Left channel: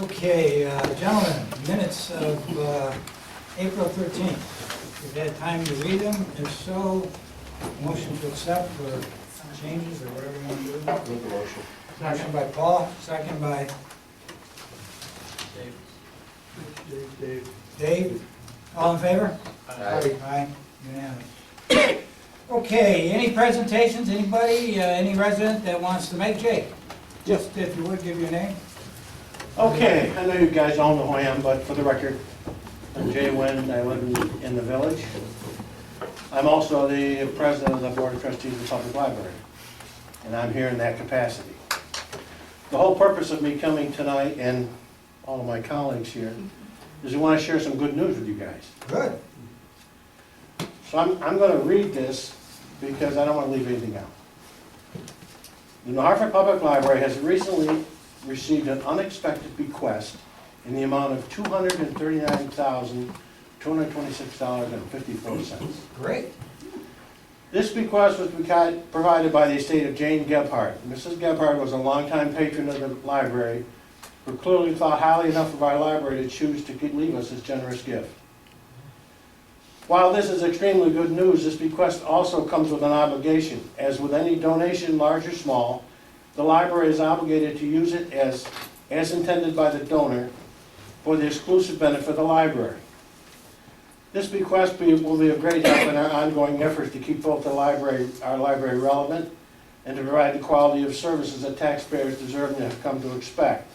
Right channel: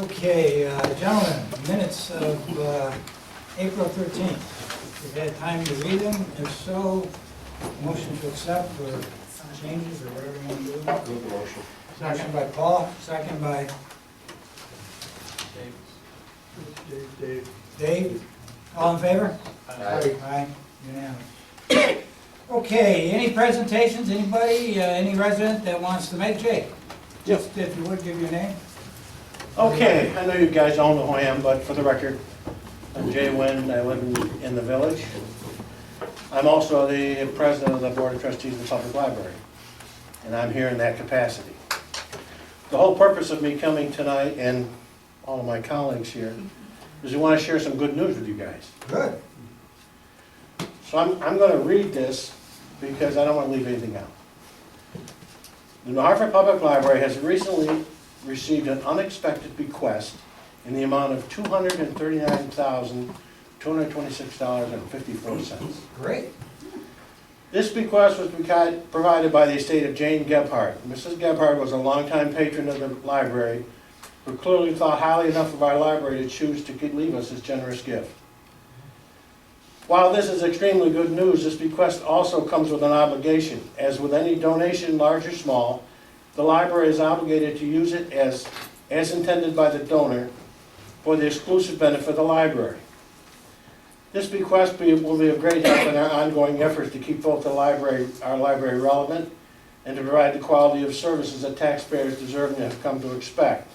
Okay, gentlemen, minutes of April 13th. You've had time to read them. If so, motion to accept or changes or whatever you want to do. Make the motion. Motion by Paul, second by Dave. All in favor? Aye. Aye, unanimous. Okay, any presentations, anybody, any resident that wants to make? Jake, just if you would, give your name. Okay, I know you guys all know who I am, but for the record, I'm Jay Wynn, I live in the village. I'm also the president of the Board of Trustees of the Public Library, and I'm here in that capacity. The whole purpose of me coming tonight, and all of my colleagues here, is we want to share some good news with you guys. Good. So I'm going to read this because I don't want to leave anything out. The New Hartford Public Library has recently received an unexpected bequest in the amount of $239,226.54. Great. This bequest was provided by the estate of Jane Gebhardt. Mrs. Gebhardt was a longtime patron of the library, who clearly thought highly enough of our library to choose to leave us this generous gift. While this is extremely good news, this bequest also comes with an obligation. As with any donation, large or small, the library is obligated to use it as intended by the donor for the exclusive benefit of the library. This bequest will be of great help in our ongoing efforts to keep both our library relevant and to provide the quality of services that taxpayers deserve and have come to expect.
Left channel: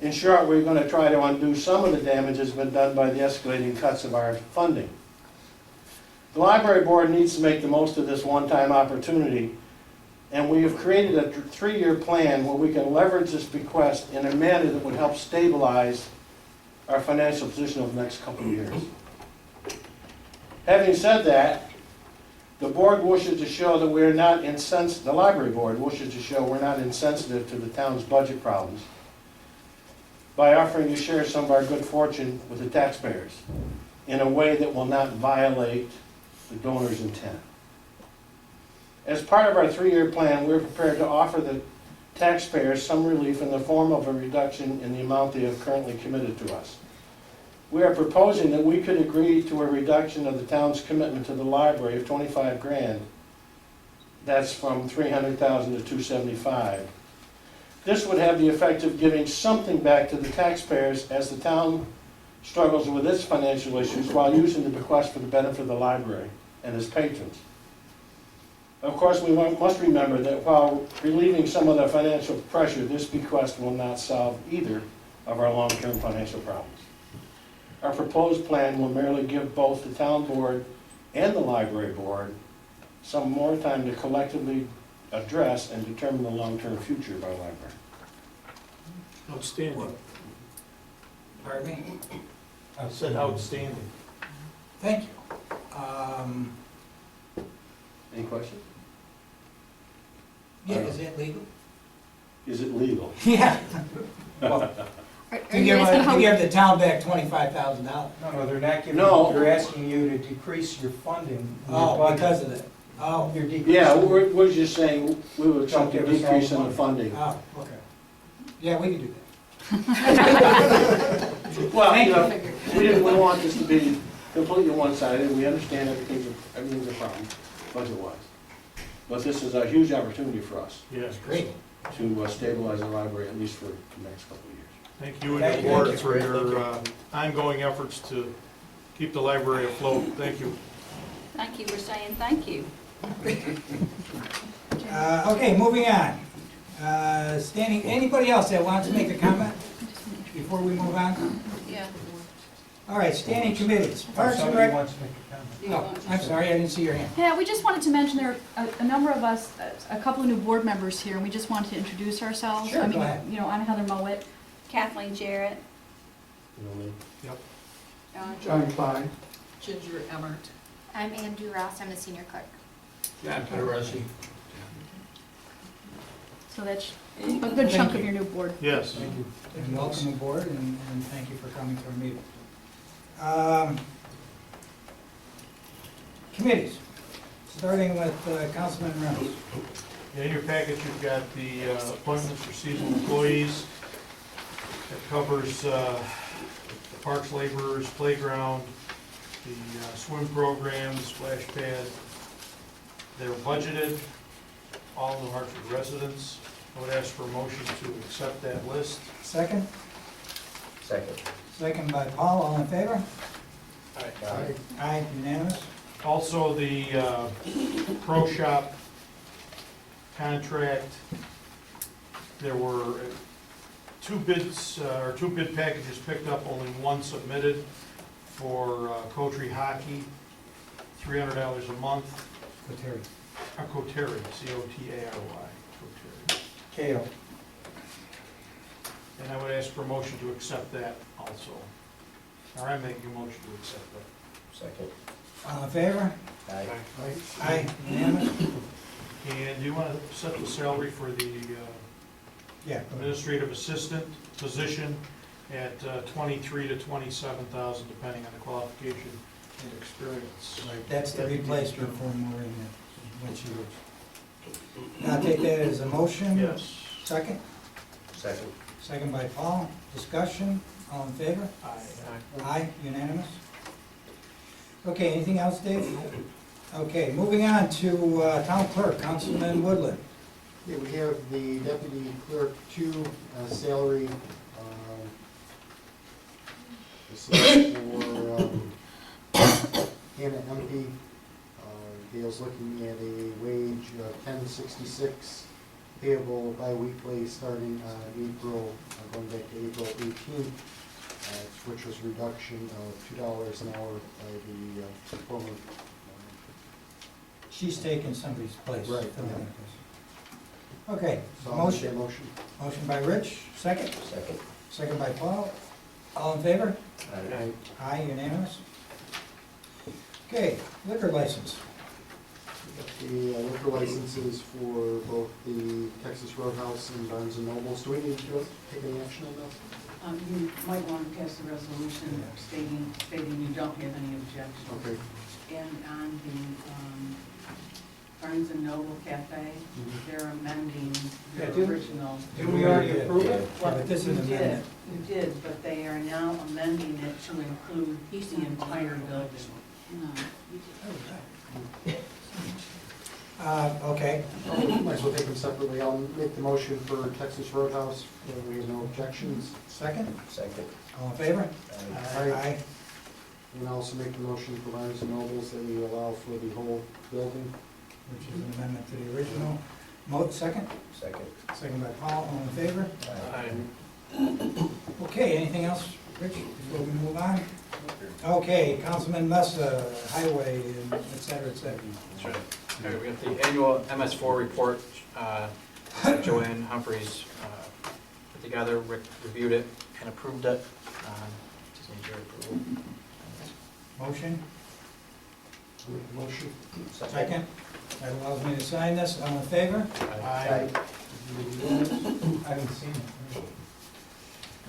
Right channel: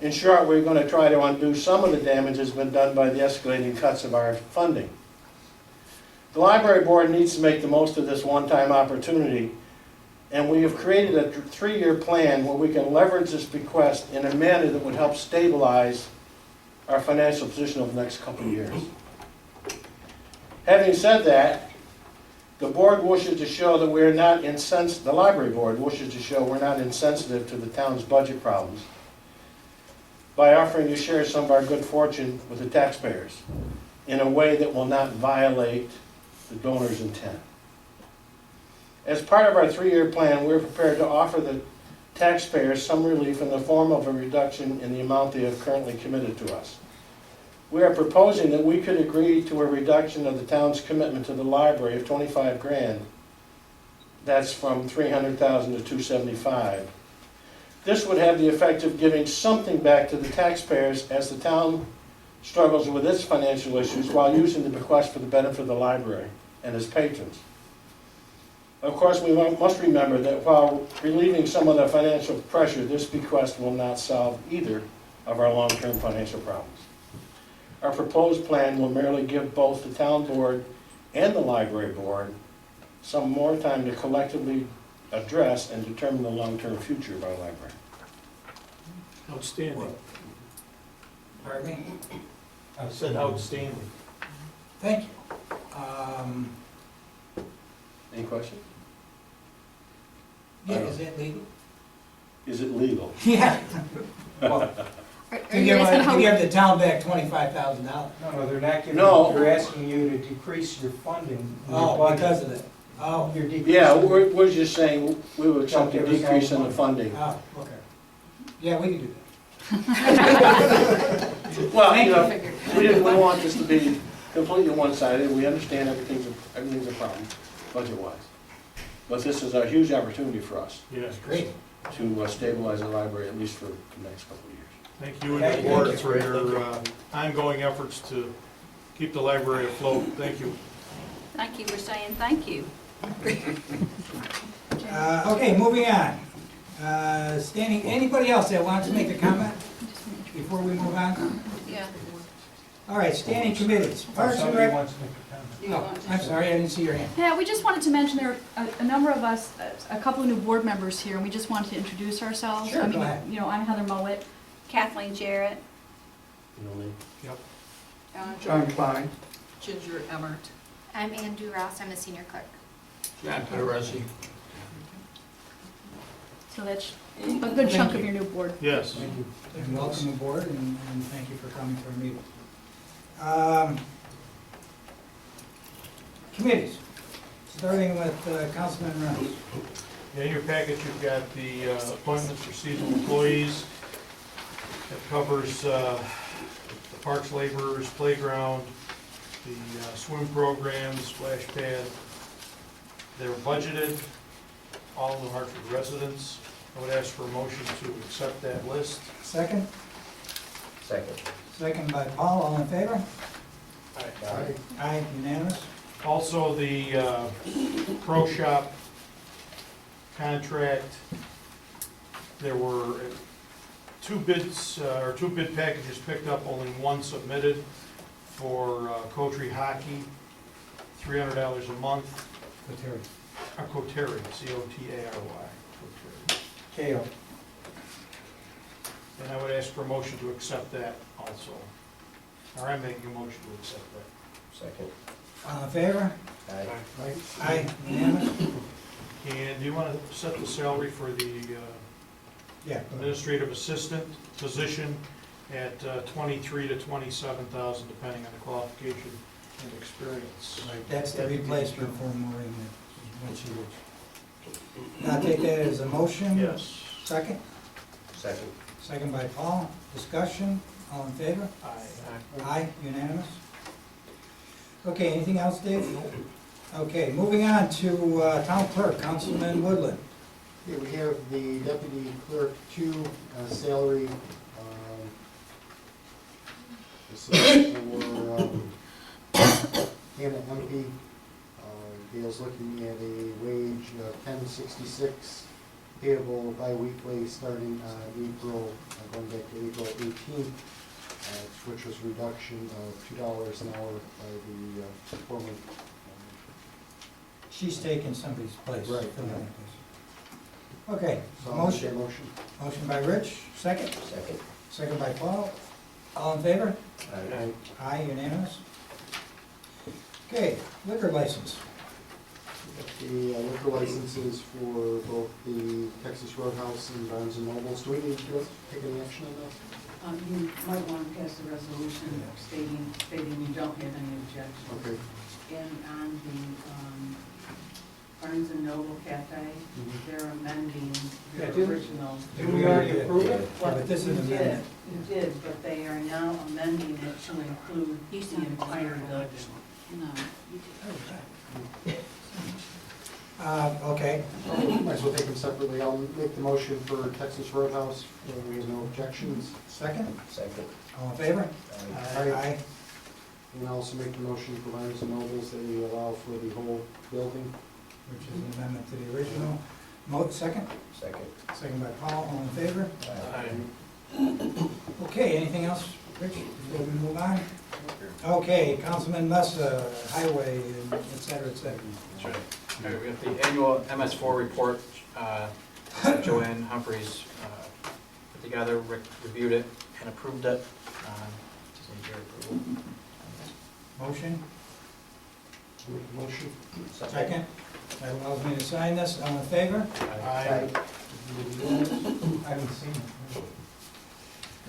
In short, we're going to try to undo some of the damage that's been done by the escalating cuts of our funding. The library board needs to make the most of this one-time opportunity, and we have created a 3-year plan where we can leverage this bequest in a manner that would help stabilize our financial position over the next couple of years. Having said that, the board wishes to show that we're not insensitive, the library board wishes to show we're not insensitive to the town's budget problems by offering to share some of our good fortune with the taxpayers in a way that will not violate the donor's intent. As part of our 3-year plan, we're prepared to offer the taxpayers some relief in the form of a reduction in the amount they have currently committed to us. We are proposing that we could agree to a reduction of the town's commitment to the library of $25,000. That's from $300,000 to $275,000. This would have the effect of giving something back to the taxpayers as the town struggles with its financial issues while using the bequest for the benefit of the library and its patrons. Of course, we must remember that while relieving some of the financial pressure, this bequest will not solve either of our long-term financial problems. Our proposed plan will merely give both the town board and the library board some more time to collectively address and determine the long-term future of our library. Outstanding. Pardon me? I said outstanding. Thank you. Any questions? Yeah, is it legal? Is it legal? Yeah. Well, Are to you asking how? give the town back $25,000. No, they're not giving, No. they're asking you to decrease your funding. in your Oh, budget. because of that. Oh, You're decreasing. Yeah, we're just saying we would accept a Don't give us all decrease the in the money. funding. oh, okay. Yeah, we can do that. Well, Thank you you. know, we didn't want this to be completely one-sided. We understand everything's a problem, budget-wise. But this is a huge opportunity for us Yes, Great. to stabilize the library, at least for the next couple of years. thank you and Thank the you. board for your ongoing efforts to keep the library afloat. Thank you. Thank you for saying thank you. Okay, moving on. Anybody else that wants to make a comment before we move on? Yeah. All right, standing committees. Parks and Somebody Rec. wants to make a comment. Oh, I'm sorry, I didn't see your hand. Yeah, we just wanted to mention there are a number of us, a couple of new board members here, and we just wanted to introduce ourselves. Sure, I mean, go ahead. you know, I'm Heather Mowat, Kathleen Jarrett, You know me? Yep. John Klein. Ginger Emmert. I'm Andrew Ross, I'm a senior clerk. John Pedersen. so that's a good chunk of your new board. Yes. Thank you. And welcome aboard, and thank you for coming to our meeting. Committees, starting with Councilman Reynolds. In your package, you've got the appointments for seasonal employees. It covers the parks laborers, playground, the swim program, the splash pad. They're budgeted, all the Hartford residents. I would ask for a motion to accept that list. Second? Second. Second by Paul, all in favor? Aye. Aye, unanimous? Also, the pro shop contract, there were two bids, or two bid packages picked up, only one submitted for Coterie Hockey, $300 a month. Letary. Coterie, C-O-T-A-R-Y, Coterie. KO. And I would ask for a motion to accept that also. Or I'm making a motion to accept that. Second. All in favor? Aye. Aye, unanimous? And do you want to set the salary for the Yeah. go ahead. administrative assistant position at 23 to 27,000, depending on the qualification and experience? Right, that's the replacement for Maureen, when she was. Now take that as a motion? Yes. Second? Second. Second by Paul, discussion, all in favor? Aye. Aye, unanimous? Okay, anything else, Dave? Okay, moving on to town clerk, Councilman Woodland. Okay, we have the deputy clerk two salary. This is for Hannah MP. Gail's looking at a wage of $10.66 payable bi-weekly starting April, going back to April 18th, which was a reduction of $2 an hour by the former. She's taking somebody's place. Right, filling yeah. that place. Okay, So I'll make that motion, motion. motion by Rich, second, Second. second by Paul, all in favor? Aye. Aye, unanimous? Okay, liquor license. The liquor licenses for both the Texas Roadhouse and Barnes and Nobles. Do we need to take any action on those? You might want to pass a resolution stating you don't have any objection. Okay. And on the Barnes and Noble Cafe, they're amending their Yeah, didn't- original. Didn't we already approve it? Yeah, but this is an You did, amendment. you did, but they are now amending it to include the entire building. Okay, Might as well take them separately. I'll make the motion for Texas Roadhouse. We have no objections. second, Second. all in favor? Aye. Aye, And I'll also make the motion for Barnes and Nobles that we allow for the whole building. which is an amendment to the original. Second, Second. second by Paul, all in favor? Aye. Okay, anything else, Rich, before we move on? Okay, Councilman Messa, highway, and et cetera, et cetera. That's right. All right, we got the annual MS4 report. Joanne Humphreys put together, Rick reviewed it and approved it. Just need your approval. Motion, I'll make the motion. second, that allows me to sign this, all in favor? Aye. I haven't seen it.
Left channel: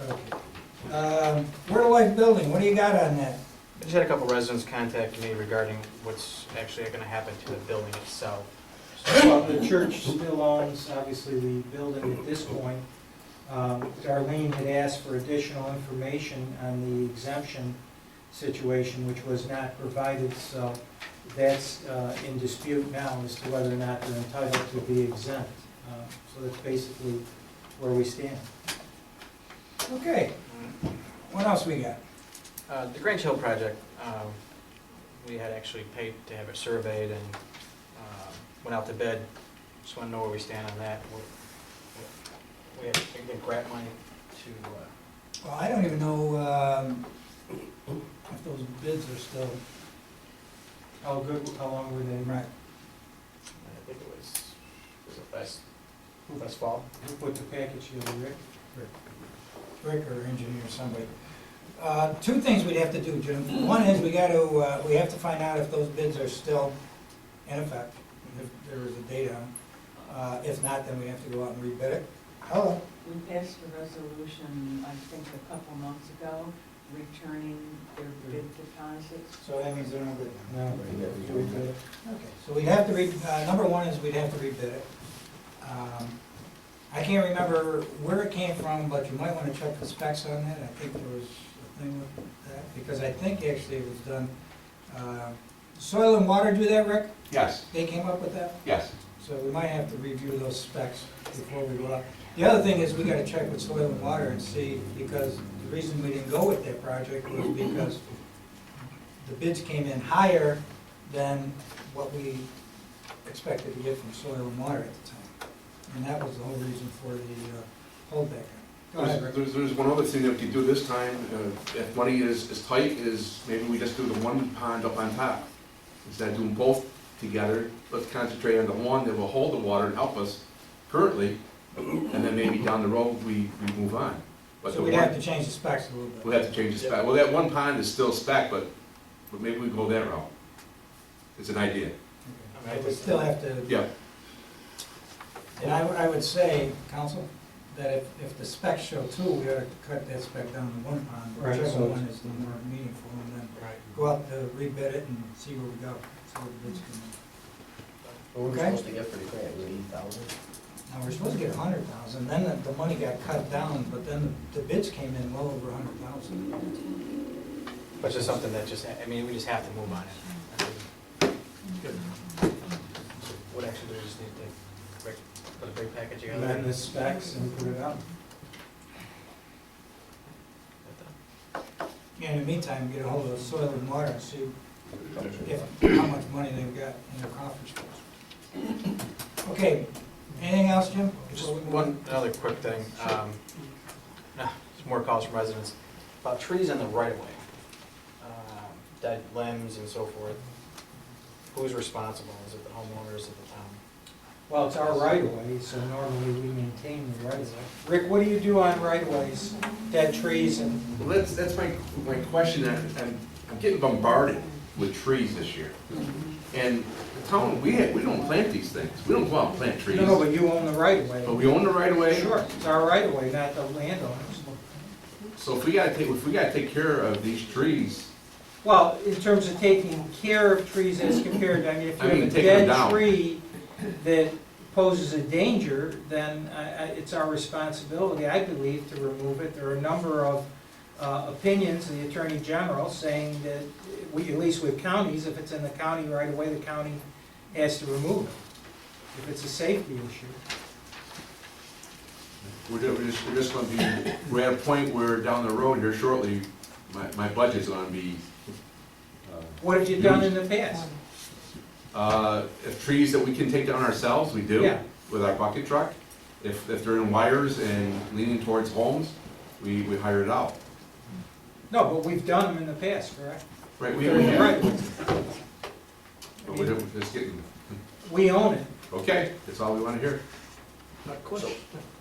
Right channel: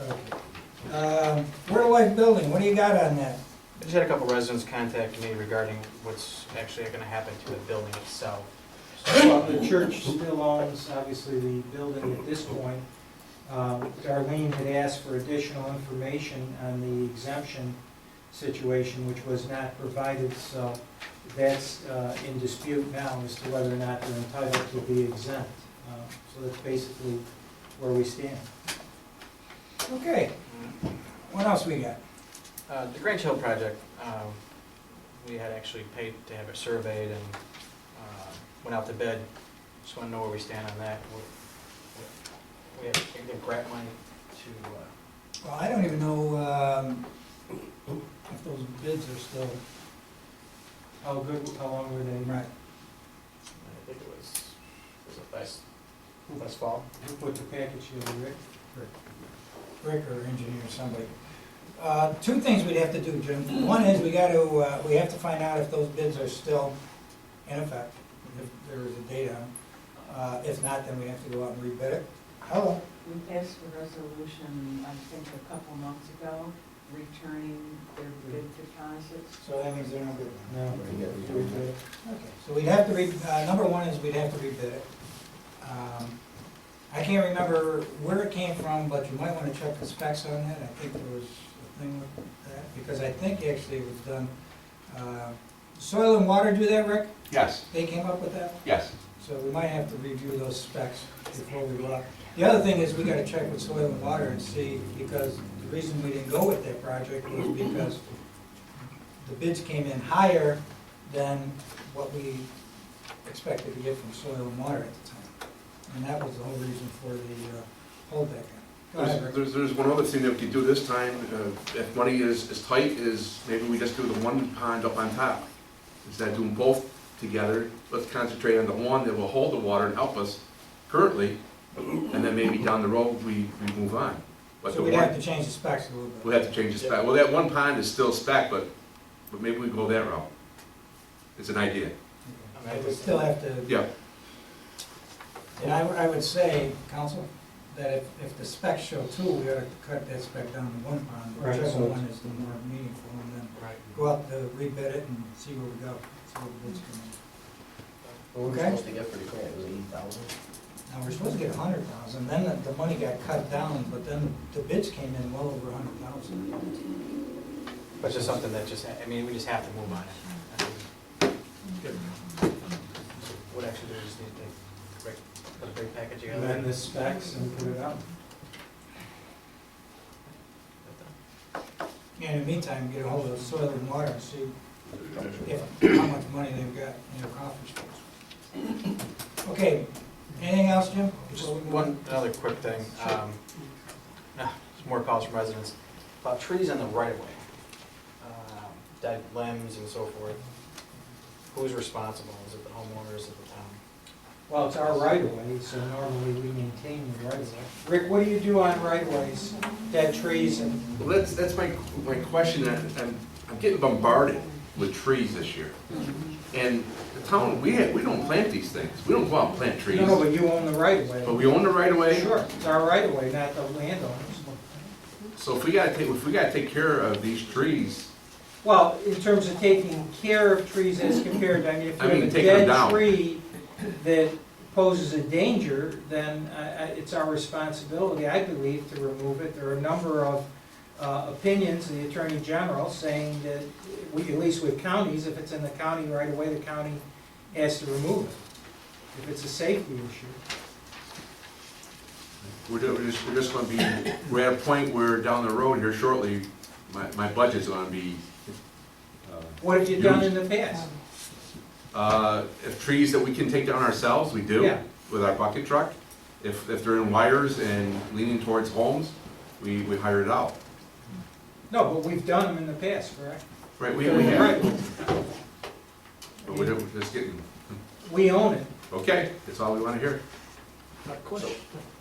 Okay. Rural Life Building, what do you got on that? I just had a couple residents contact me regarding what's actually going to happen to the building itself. Well, the church still owns, obviously, the building at this point. Darlene had asked for additional information on the exemption situation, which was not provided, so that's in dispute now as to whether or not they're entitled to be exempt. So that's basically where we stand. Okay, what else we got? The Grange Hill project, we had actually paid to have it surveyed and went out to bid. Just want to know where we stand on that. We have to get grant money to, Well, I don't even know if those bids are still, How long were they? right. I think it was it last fall? Who put the package together, Rick? Rick or engineer, somebody. Two things we'd have to do, Jim. One is we have to find out if those bids are still in effect, if there is a date on them. If not, then we have to go out and rebid it. Hello? We passed a resolution, I think, a couple months ago, returning their bid deposits. So that means they're no good now. No. Okay. Okay, so we'd have to number one is we'd have to rebid it. I can't remember where it came from, but you might wanna check the specs on that. I think there was a thing with that, because I think actually it was done, Soil and Water do that, Rick? Yes, They came up with that? yes. So we might have to review those specs before we go out. The other thing is, we gotta check with Soil and Water and see, because the reason we didn't go with that project was because the bids came in higher than what we expected to get from Soil and Water at the time. And that was the whole reason for the holdback. Go ahead, Rick. There's one other thing that we could do this time, if money is tight, is maybe we just do the one pond up on top. Instead of doing both together, let's concentrate on the one that will hold the water and help us currently, and then maybe down the road, we move on. But So the we'd one- have to change the specs a little bit. We'll have to change the spec. Well, that one pond is still spec, but maybe we go that route. It's an idea. Okay. But we still have to. Yeah. And I would say, council, that if the specs show two, we ought to cut that spec down to one pond, Right, whichever so- one is the more meaningful, and then Right. go out to rebid it and see where we go, see where the bids come in. What were we Okay. supposed to get for the grant, was it 80,000? Now, we're supposed to get 100,000, then the money got cut down, but then the bids came in well over 100,000. But just something that just, I mean, we just have to move on it. I mean, what actually do we just need to put a big package together? Amend the specs and put it out. Yeah, in the meantime, get a hold of Soil and Water and see how much money they've got in their coffers. Okay, anything else, Jim? Just another quick thing, there's more calls from residents about trees in the right of way, dead limbs and so forth. Who's responsible? Is it the homeowners, is it the town? Well, it's our right of way, so normally we maintain the right of way. Rick, what do you do on right of ways, dead trees and? Well, that's my question. I'm getting bombarded with trees this year. And the town, we don't plant these things. We don't go out and plant trees. No, but you own the right of way. But we own the right of way. Sure, it's our right of way, not the landowners. So if we gotta take care of these trees, Well, in terms of taking care of trees as compared, I mean, if you I mean, have a taking them dead down. tree that poses a danger, then it's our responsibility, I believe, to remove it. There are a number of opinions, the Attorney General saying that we, at least with counties, if it's in the county right away, the county has to remove it, if it's a safety issue. we're just gonna be, we're at a point where down the road here shortly, my budget's gonna be, What have you done in the past? if trees that we can take down ourselves, we do, Yeah. with our bucket truck. If they're in wires and leaning towards homes, we hire it out. No, but we've done them in the past, correct? Right, we Right. have, but we're just getting, We own it. okay, that's all we wanna hear.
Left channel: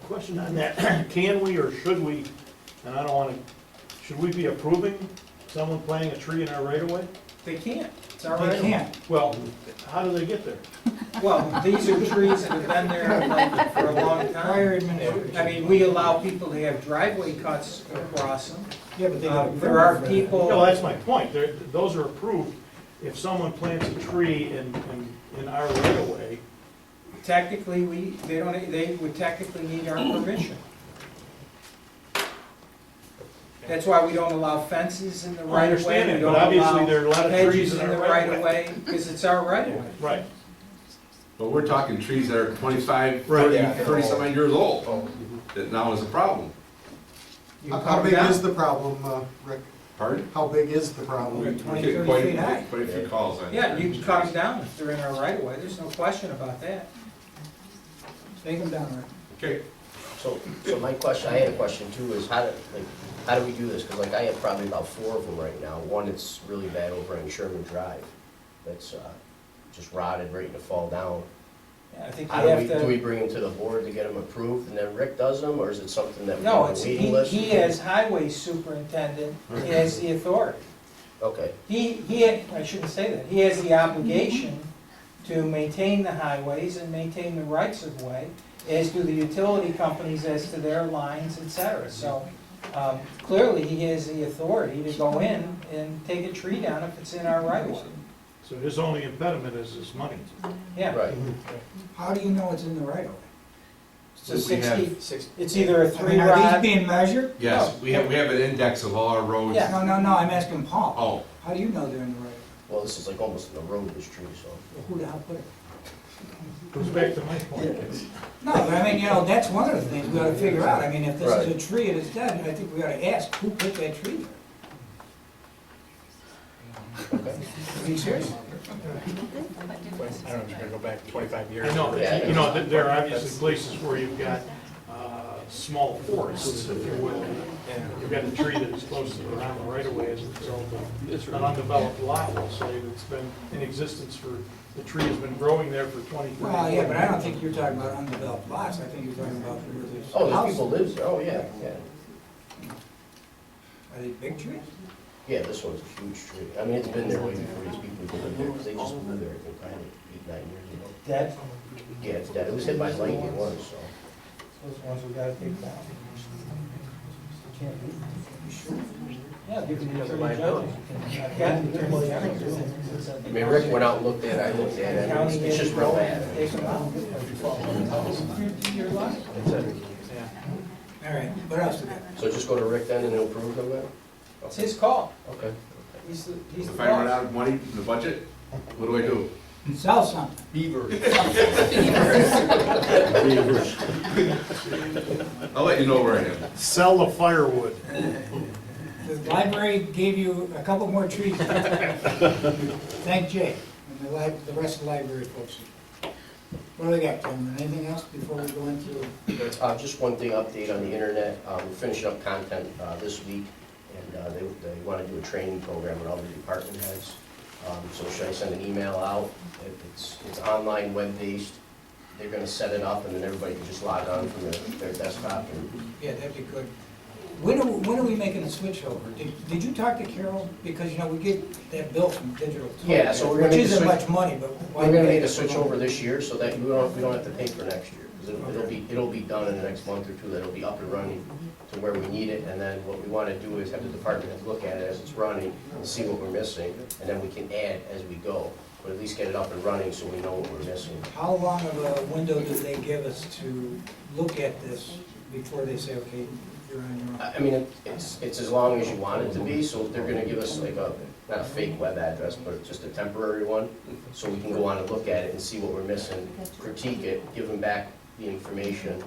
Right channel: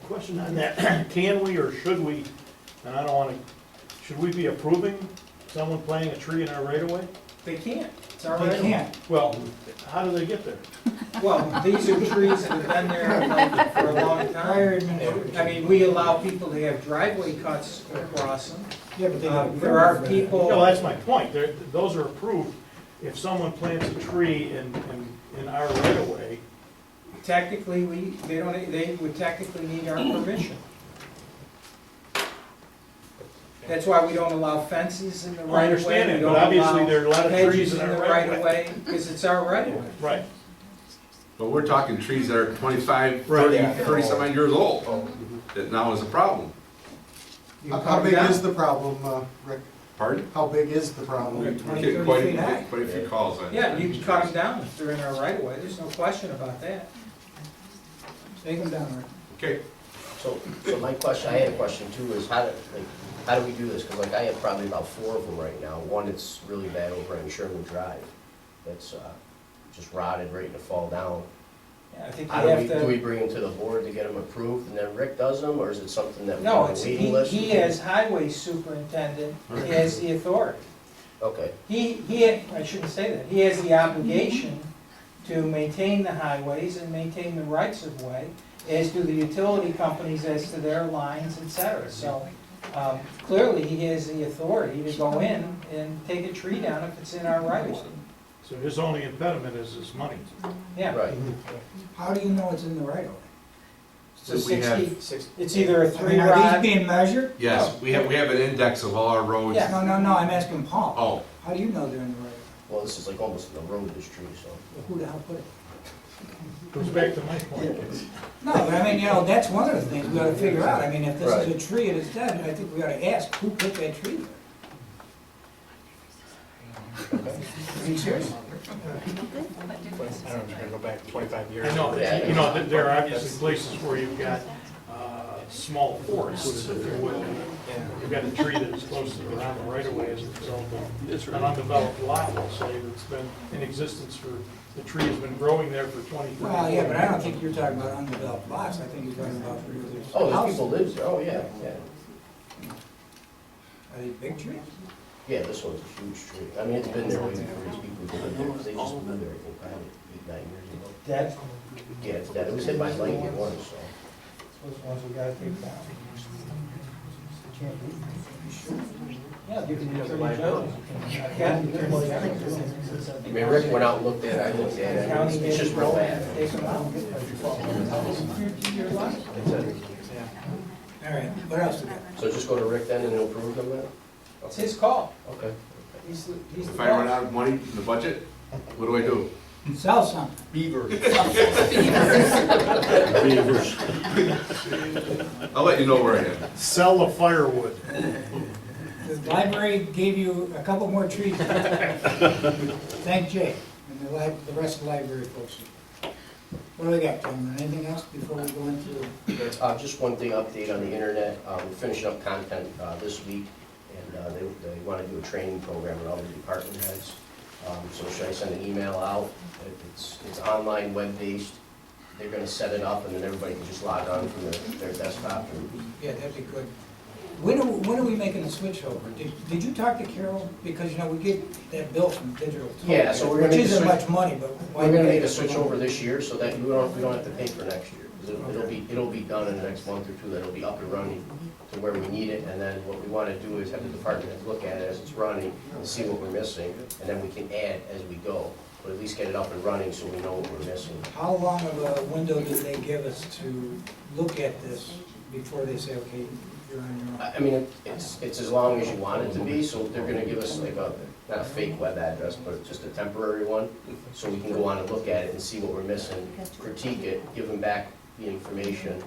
Question on that, can we or should we, and I don't wanna, should we be approving someone planting a tree in our right of way? They can't. It's our They right of way. can't. Well, how do they get there? Well, these are trees that have been there like for a long Prior time. administration. I mean, we allow people to have driveway cuts across them. Yeah, but they got a There are permit for that. people. No, that's my point, those are approved. If someone plants a tree in our right of way, Technically, they would technically need our permission. That's why we don't allow fences in the I right of way. understand it, We but don't obviously allow there are a lot of trees hedges in our the right of way. because it's our right of way. right, But we're talking trees that are 25, Right. 30, Yeah. 30-some odd years old, that now is a problem. You can How cut them big down. is the problem, Rick? Pardon? How big is the problem? We're We 20, get 30 quite feet high. a few calls on. Yeah, you can cut them down if they're in our right of way. There's no question about that. Take them down, Rick. Okay, So my question, I had a question too, is how do we do this? Because like I have probably about 4 of them right now. One that's really bad over on Sherman Drive. That's just rotted, ready to fall down. Yeah, I think How you do have to. do we bring them to the board to get them approved and then Rick does them? Or is it something that we No, have a it's, waiting list? he as highway superintendent, he has the authority. Okay, I shouldn't say that, he has the obligation to maintain the highways and maintain the rights of way, as do the utility companies as to their lines, et cetera. So, clearly, he has the authority to go in and take a tree down if it's in our right of way. so his only impediment is his money. Yeah. right. How do you know it's in the right of way? So We have- 60, It's either a I three mean, are these rod, being measured? Yes, we have an index of all our roads. Yeah, no, I'm asking Paul. Oh, How do you know they're in the right? Well, this is like almost in the road, this tree, so. Well, who the hell put it? Goes back to my point. No, but I mean, that's one of the things we ought to figure out. I mean, if this Right. is a tree and it's dead, I think we ought to ask, who put that tree there? I mean, seriously? I don't know if you're gonna go back 25 years. I know, Yeah. you know, there are obviously places where you've got small forests, if you will. You've got a tree that is close to the on the right of way as a result of an undeveloped lot, we'll say, that's been in existence for, the tree has been growing there for 20, 30 Well, yeah, but I don't think you're talking about undeveloped lots. I think you're talking about where there's Oh, there's houses. people lives there, oh, yeah. Are they big trees? Yeah, this one's a huge tree. I mean, it's been there way before these people lived there, because they just moved there, I think, probably 8, 9 years ago. dead, Yeah, it's dead. It was hit by lightning once, so. those ones we gotta take down. Can't be. Yeah, you can Because of determine liability. Yeah, you can determine general. I mean, Rick went out and looked at it, I looked at it, and it's just real bad. Take them out. It's a- Yeah. All right, what else we got? So just go to Rick then and he'll approve them then? It's his call. Okay. He's the if I run out of money in the budget, what do I do? Sell something. I'll let you know where I am. Sell the firewood. The library gave you a couple more trees. Thank Jay and the rest of the library folks. What do we got, gentlemen? Anything else before we go into? Just one thing, update on the internet. We're finishing up content this week, and they want to do a training program with all the department heads. So should I send an email out? It's online, web-based. They're gonna set it up, and then everybody can just log on from their desktop. Yeah, that'd be good. When are we making the switch over? Did you talk to Carol? Because, we get that bill from Digital Tool. Yeah, so we're gonna Which make a isn't switch- much money, but why? We're gonna make a switch over this year, so that we don't have to pay for next year. 'Cause it'll be done in the next month or two, that'll be up and running to where we need it. And then what we wanna do is have the department heads look at it as it's running, and see what we're missing, and then we can add as we go. But at least get it up and running so we know what we're missing. How long of a window do they give us to look at this before they say, okay, you're on your own? I mean, it's as long as you want it to be, so they're gonna give us like not a fake web address, but just a temporary one, so we can go on and look at it and see what we're missing, critique it, give them back the information,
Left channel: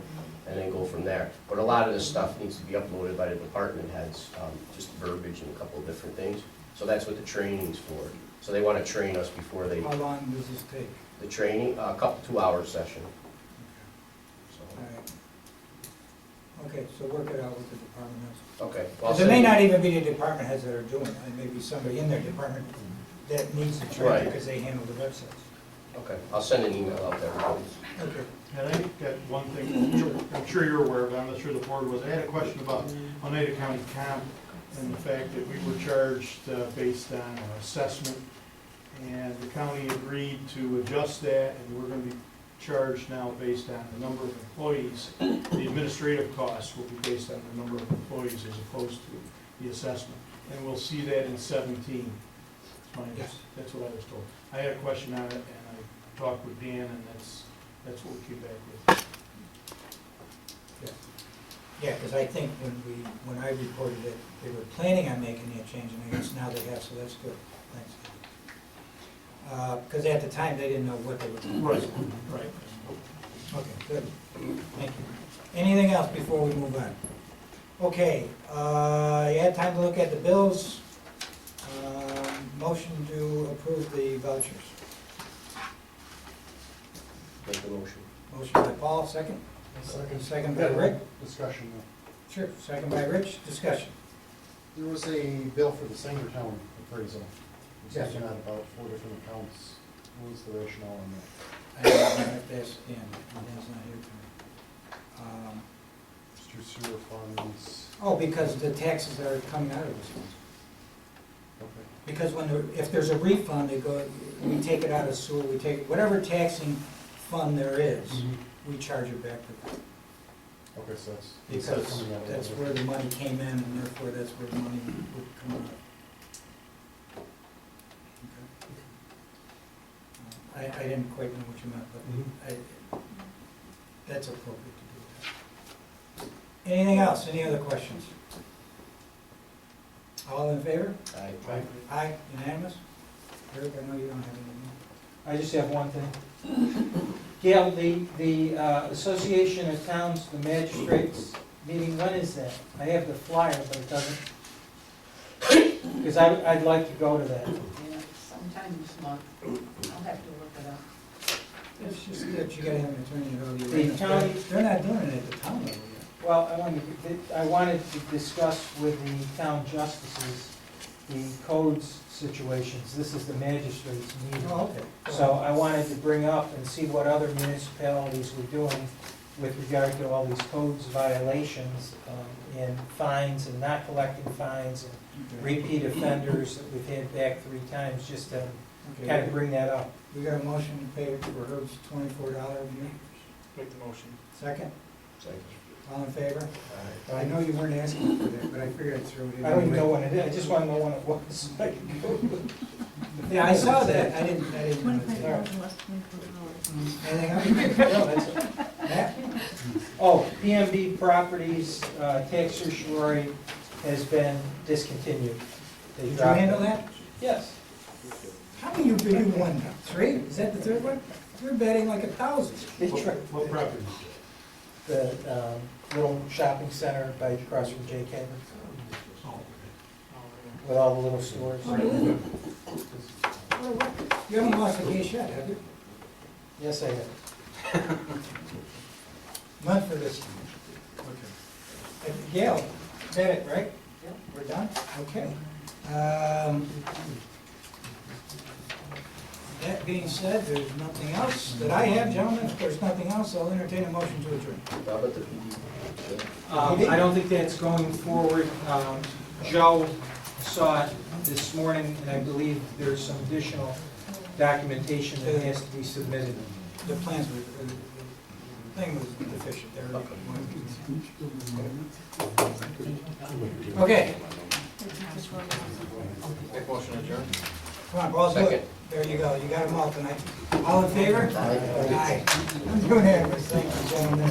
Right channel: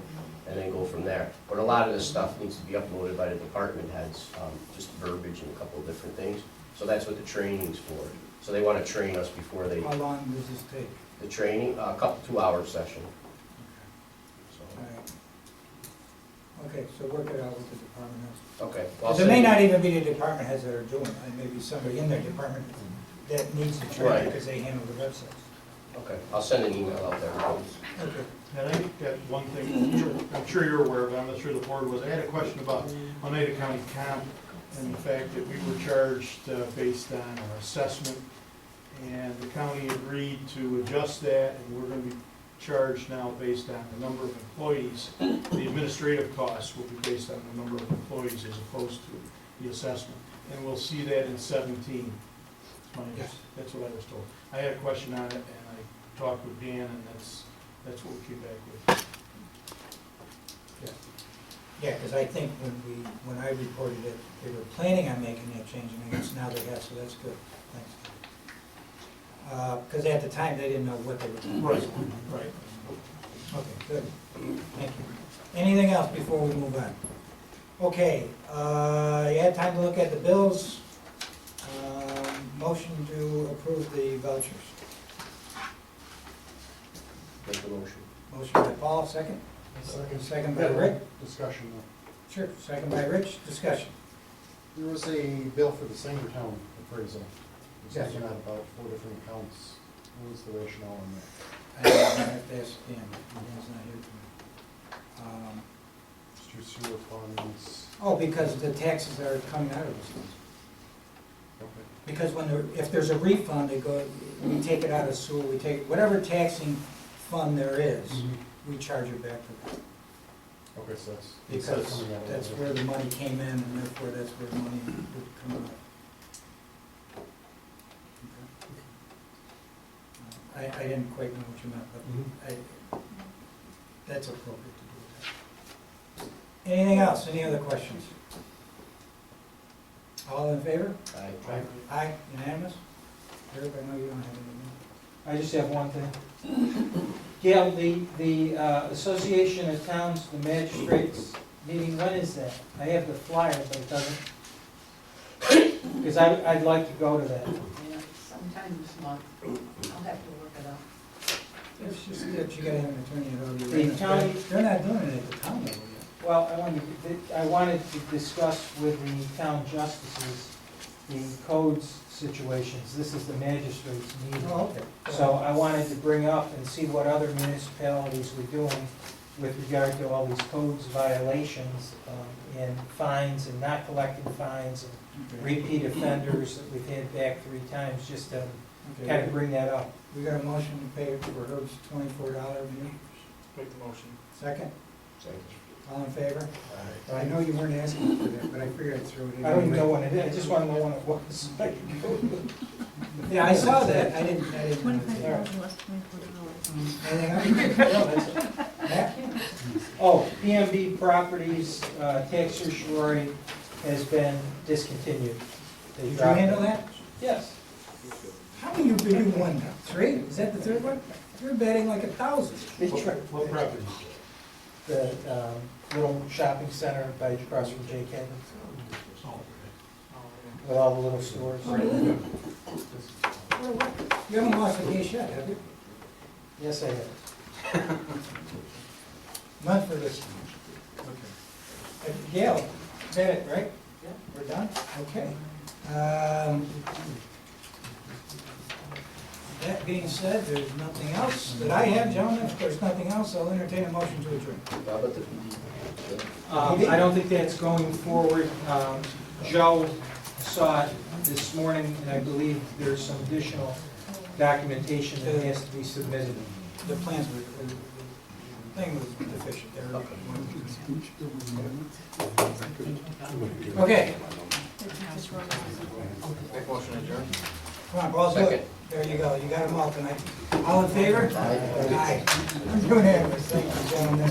and then go from there. But a lot of this stuff needs to be uploaded by the department heads, just verbiage and a couple of different things. So that's what the training's for. So they wanna train us before they, How long does this take? the training, a couple, 2-hour session. So, All right. Okay, so work it out with the department heads. okay. Well, I'll Because it may send you- not even be the department heads that are doing it, it may be somebody in their department that needs the training Right. because they handle the websites. Okay, I'll send an email out to everybody. Okay. And I got one thing, I'm sure you're aware of, I'm not sure the board was, I had a question about Oneida County comp and the fact that we were charged based on our assessment, and the county agreed to adjust that, and we're gonna be charged now based on the number of employees. The administrative costs will be based on the number of employees as opposed to the assessment, and we'll see that in 17. Yes. That's what I was told. I had a question on it, and I talked with Dan, and that's what we came back with. Yeah, because I think when I reported it, they were planning on making that change, and I guess now they have, so that's good. Thanks. Because at the time, they didn't know what they were doing. Right. Okay, good. Thank you. Anything else before we move on? Okay, you had time to look at the bills. Motion to approve the vouchers. Make the motion. Motion by Paul, second? Second by Rick? Discussion. Sure, second by Rich, discussion. There was a bill for the Sangertown appraisal. It was Yes. taken out about 4 different accounts. What was the rationale on that? I have to ask Dan, Dan's not here tonight. Just your sewer funds. Oh, because the taxes are coming out of this one. Okay. Because if there's a refund, we take it out of sewer, we take, whatever taxing fund there is, we charge it back to them. Okay, so that's. instead of Because coming out of that's the- where the money came in, and therefore that's where the money would come out. Okay. I didn't quite know what you meant, but that's appropriate to do. Anything else? Any other questions? All in favor? Aye. Aye, unanimous? Eric, I know you don't have anything. I just have one thing. Gail, the Association of Towns, the magistrates meeting, when is that? I have the flyer, but it doesn't, because I'd like to go to that. Yeah, sometime this month. I'll have to look it up. It's just that you gotta have an attorney to go to the The arraignment. county- They're not doing it at the town level yet. Well, I wanted to discuss with the town justices the codes situations. This is the magistrates meeting. Oh, okay. So I wanted to bring up and see what other municipalities were doing with regard to all these codes violations, and fines and not collecting fines and Okay. repeat offenders that we've had back 3 times, just to Okay. kind of bring that up. We got a motion to pay for Herb's $24 meal. Make the motion. Second, Second. all in favor? Aye. I know you weren't asking for that, but I figured I'd throw it in. I don't even know anyway. when it is, I just want to know when it was. so I can go. Yeah, I saw that, I didn't. $25,000 less $24. Anything else? No, that's it. Matt? Oh, PMB Properties, tax certiorari has been discontinued. They Did you dropped handle it. that? Yes. How many you won now? 3? Is that the third one? You're betting like 1,000. They tried. What property? The little shopping center by across from J. Cabin, Oh, with all the little stores. You haven't lost a case yet, have you? Yes, I have. None for this time. Okay. Gail, Bennett, right? Yep. We're done? Okay. That being said, there's nothing else that I have, gentlemen. If there's nothing else, I'll entertain a motion to adjourn. How about the PD? I don't think that's going forward. Joe saw it this morning, and I believe there's some additional documentation that has to be submitted. The plans were, the thing was deficient there. Okay, Make motion adjourn. come on, Paul's good. Second. There you go, you got them all tonight. All in favor? Aye. Aye. Unanimous, thank you, gentlemen.